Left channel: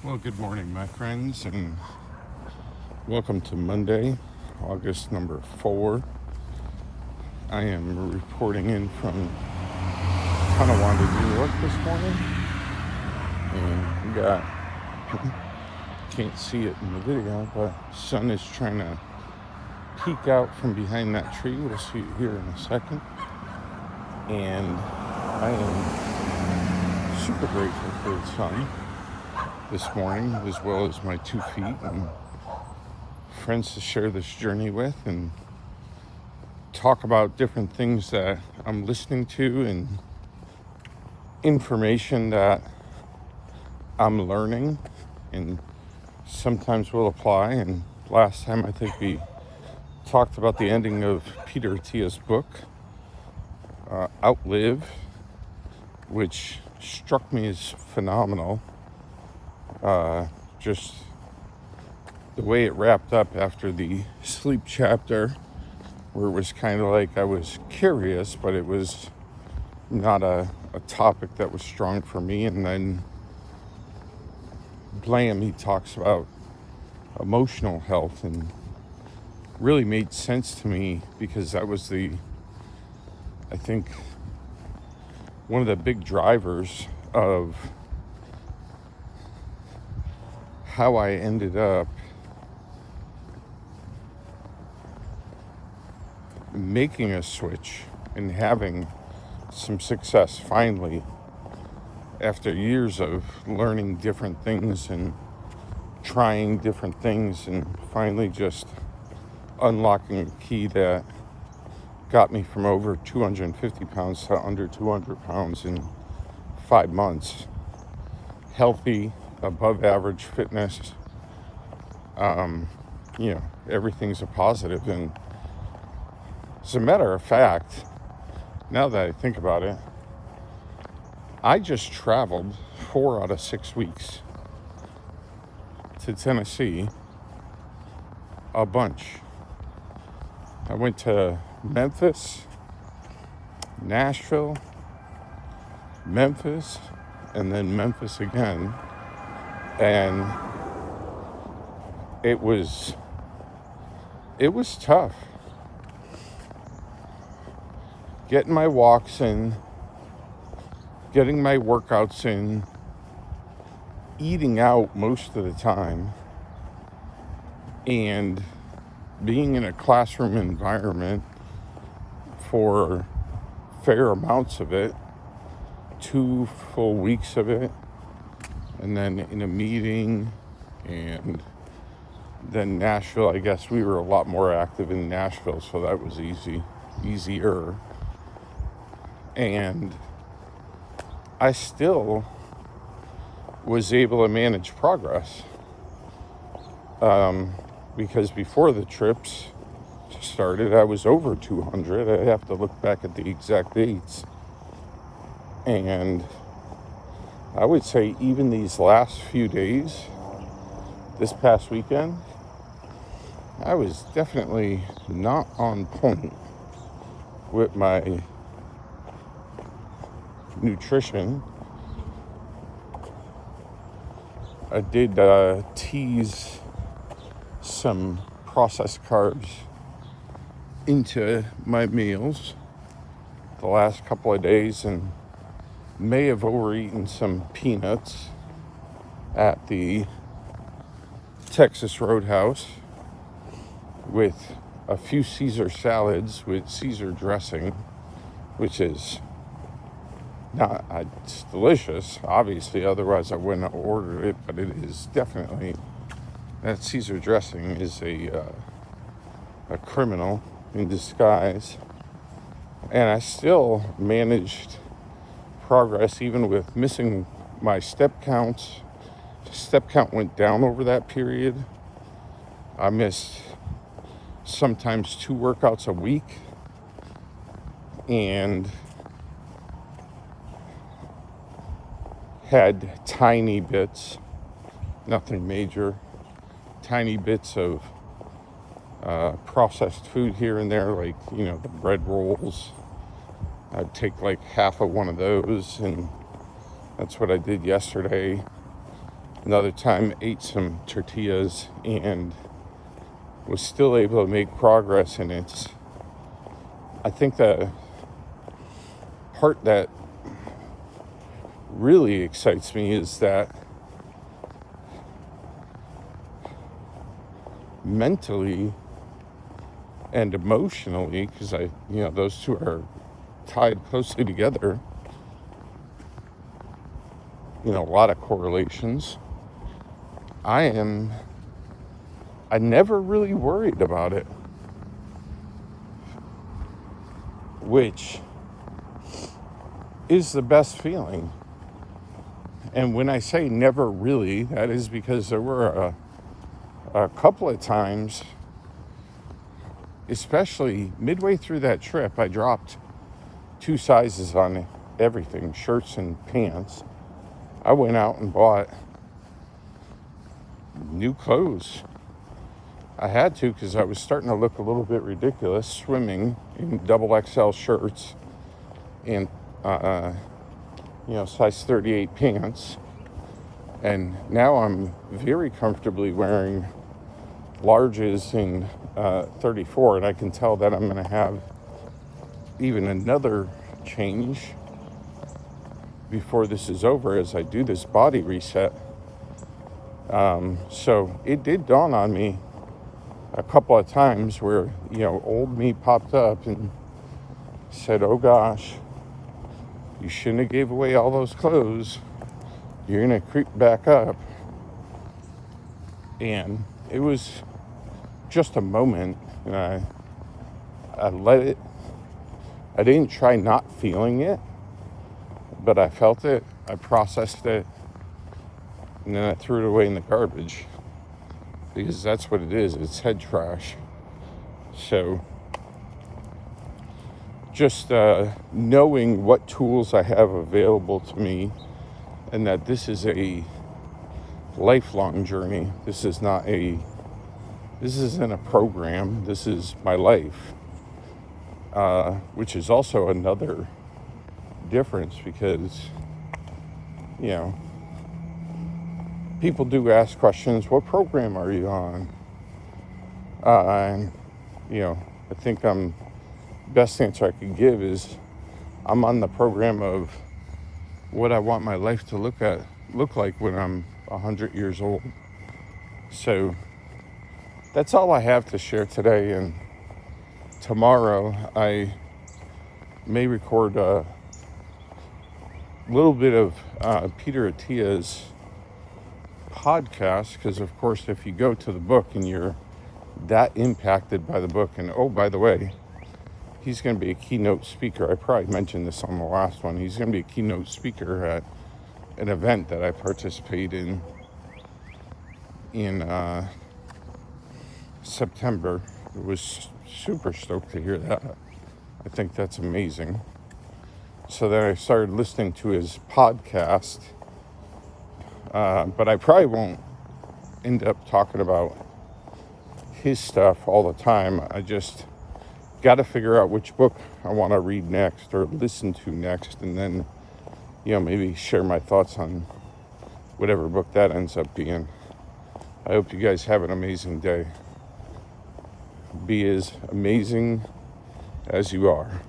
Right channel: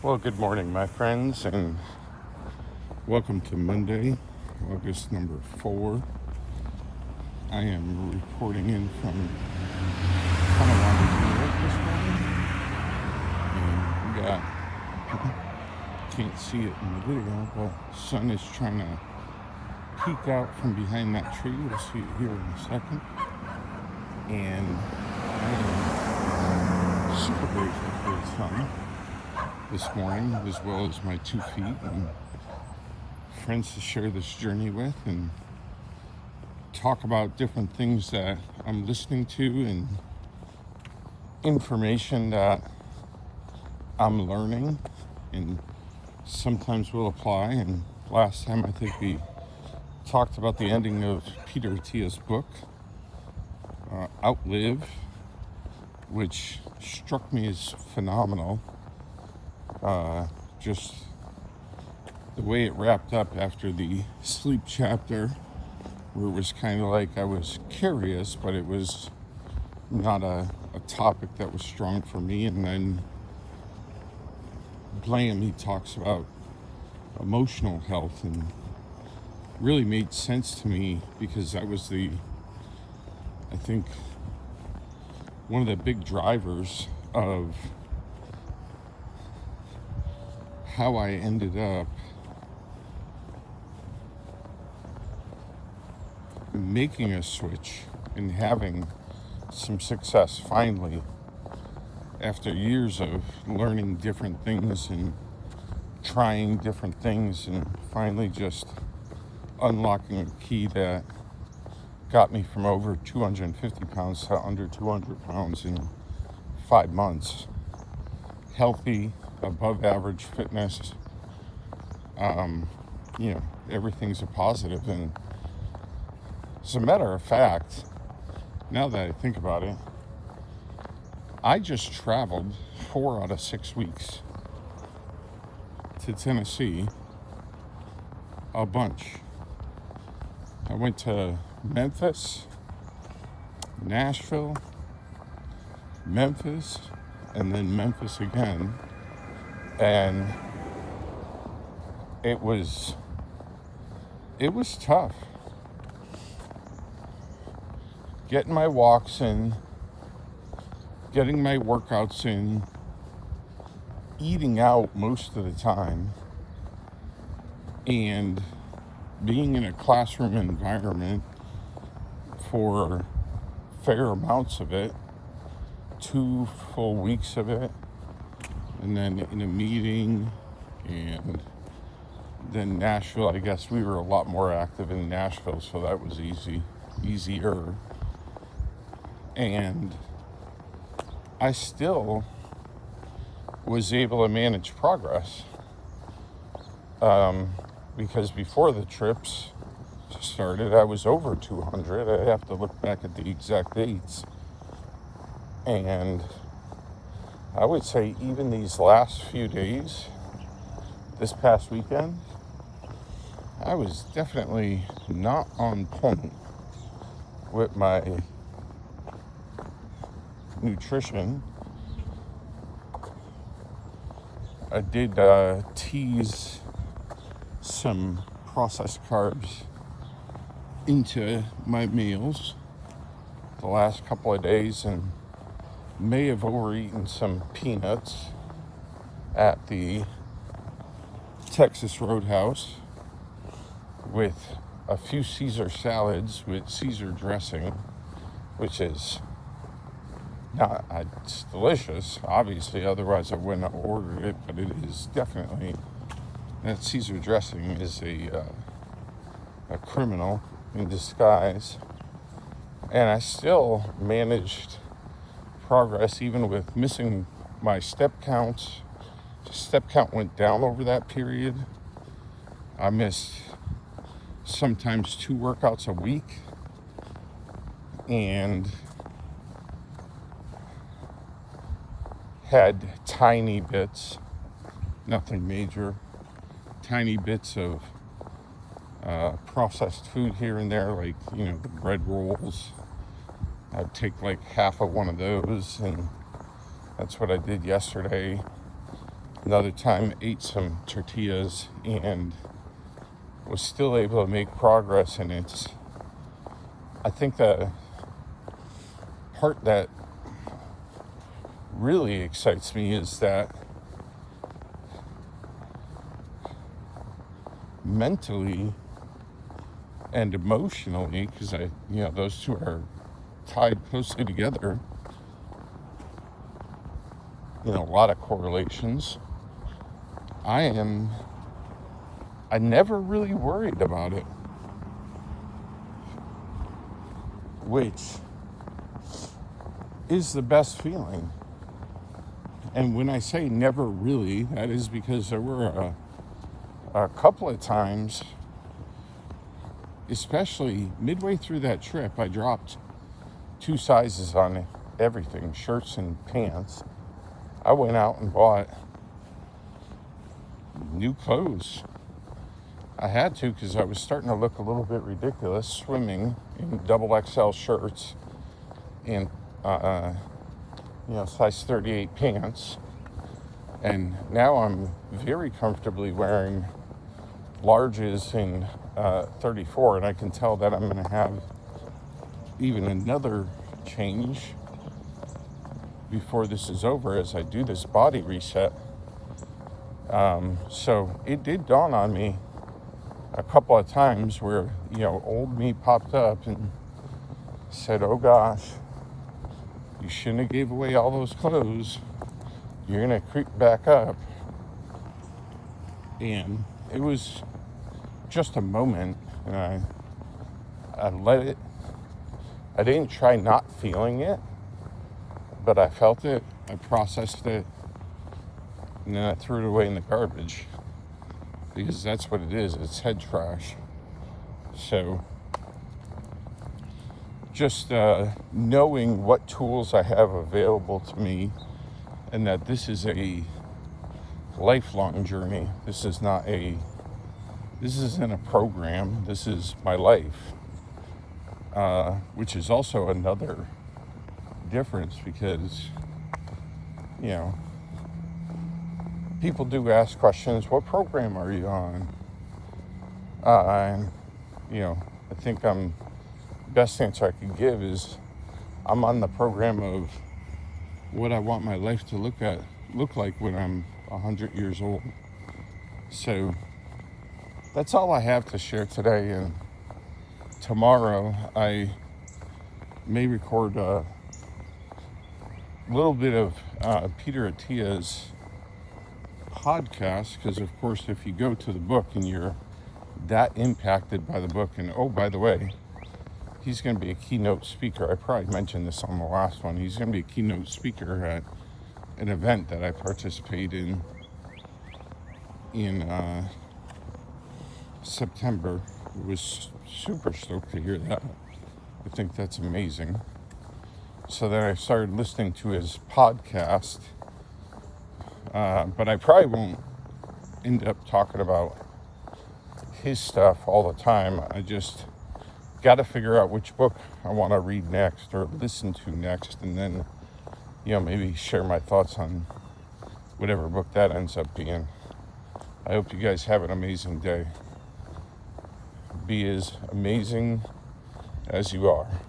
Well, good morning, my friends, and welcome to Monday, August number 4. I am reporting in from Tonawanda, New York this morning, and we got, can't see it in the video, but the sun is trying to peek out from behind that tree. We'll see it here in a second, and I am super grateful for the sun this morning, as well as my 2 feet and friends to share this journey with and talk about different things that I'm listening to and information that I'm learning and sometimes will apply. And last time I think we talked about the ending of Peter Attia's book, Outlive, which struck me as phenomenal. Just the way it wrapped up after the sleep chapter, where it was kind of like I was curious, but it was not a topic that was strong for me. And then Blam, he talks about emotional health, and really made sense to me because that was I think, one of the big drivers of how I ended up making a switch and having some success finally, after years of learning different things and trying different things, and finally just unlocking a key that got me from over 250 pounds to under 200 pounds in 5 months. Healthy, above average fitness. Everything's a positive. And as a matter of fact, now that I think about it, I just traveled 4 out of 6 weeks to Tennessee, a bunch. I went to Memphis, Nashville, Memphis, and then Memphis again. And it was tough. Getting my walks in, getting my workouts in, eating out most of the time, and being in a classroom environment for fair amounts of it, 2 full weeks of it, and then in a meeting, and then Nashville. I guess we were a lot more active in Nashville, so that was easier. And I still was able to manage progress, because before the trips started, I was over 200. I'd have to look back at the exact dates. And I would say even these last few days, this past weekend, I was definitely not on point with my nutrition. I did tease some processed carbs into my meals the last couple of days, and may have overeaten some peanuts at the Texas Roadhouse with a few Caesar salads with Caesar dressing, which is not, it's delicious, obviously, otherwise I wouldn't have ordered it, but it is definitely, that Caesar dressing is a criminal in disguise. And I still managed progress even with missing my step counts. Step count went down over that period. I missed sometimes 2 workouts a week, and had tiny bits, nothing major, tiny bits of processed food here and there, like, the bread rolls. I'd take like half of one of those, and that's what I did yesterday. Another time, ate some tortillas and was still able to make progress. And I think the part that really excites me is that mentally and emotionally, because those two are tied closely together, a lot of correlations. I never really worried about it, which is the best feeling. And when I say never really, that is because there were a couple of times, especially midway through that trip, I dropped 2 sizes on everything, shirts and pants. I went out and bought new clothes. I had to, because I was starting to look a little bit ridiculous swimming in double XL shirts and size 38 pants. And now I'm very comfortably wearing larges in 34, and I can tell that I'm going to have even another change before this is over as I do this body reset. So it did dawn on me a couple of times where, old me popped up and said, oh gosh, you shouldn't have gave away all those clothes. You're going to creep back up. And it was just a moment. I let it. I didn't try not feeling it, but I felt it. I processed it. And then I threw it away in the garbage, because that's what it is. It's head trash. So just knowing what tools I have available to me, and that this is a lifelong journey. This isn't a program. This is my life, which is also another difference, because people do ask questions. What program are you on? I think best answer I could give is I'm on the program of what I want my life to look like when I'm 100 years old. So that's all I have to share today. And tomorrow I may record a little bit of Peter Attia's podcast, because of course if you go to the book and you're that impacted by the book, and oh, by the way, he's going to be a keynote speaker. I probably mentioned this on the last one. He's going to be a keynote speaker at an event that I participate in September. I was super stoked to hear that. I think that's amazing. So then I started listening to his podcast, but I probably won't end up talking about his stuff all the time. I just got to figure out which book I want to read next or listen to next, and then maybe share my thoughts on whatever book that ends up being. I hope you guys have an amazing day. Be as amazing as you are.